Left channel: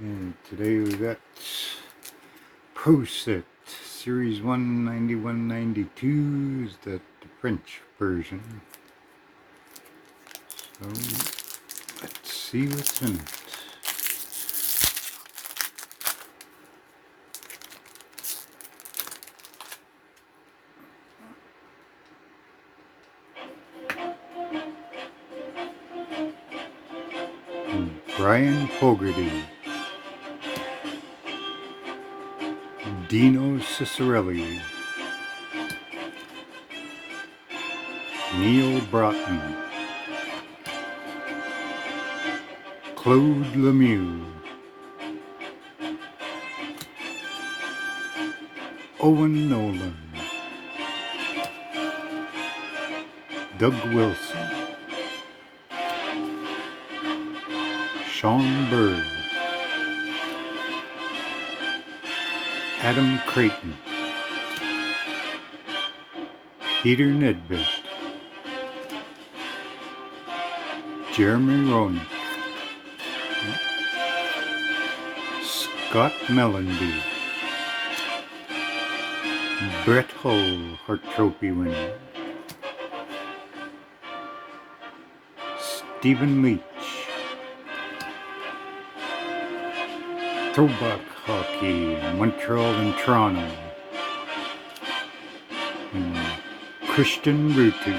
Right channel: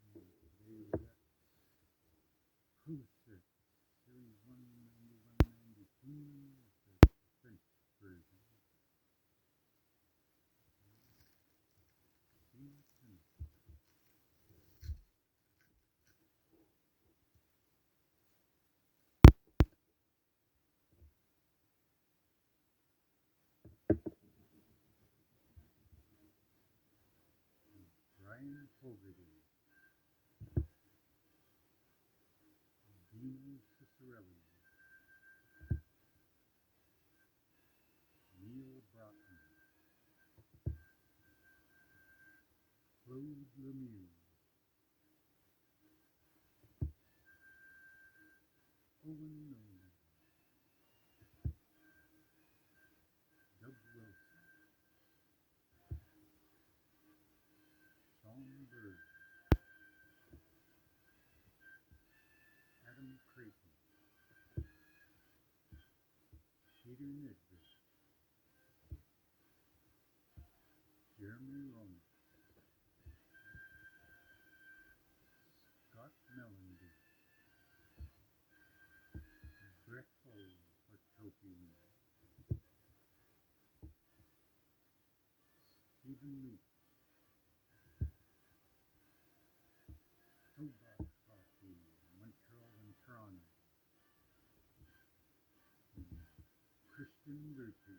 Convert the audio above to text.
And today we got Pro Set Series 19192 is the French version. So let's see what's in it. Brian Fogarty, Dino Ciccarelli, Neil Broughton, Claude Lemieux, Owen Nolan, Doug Wilson, Sean Bird, Adam Creighton, Peter Nedved, Jeremy Roenick, Scott Mellanby, Brett Hull, Hart Trophy winner, Stephen Leach, Throwback Hockey, Montreal and Toronto, and Christian Rutu.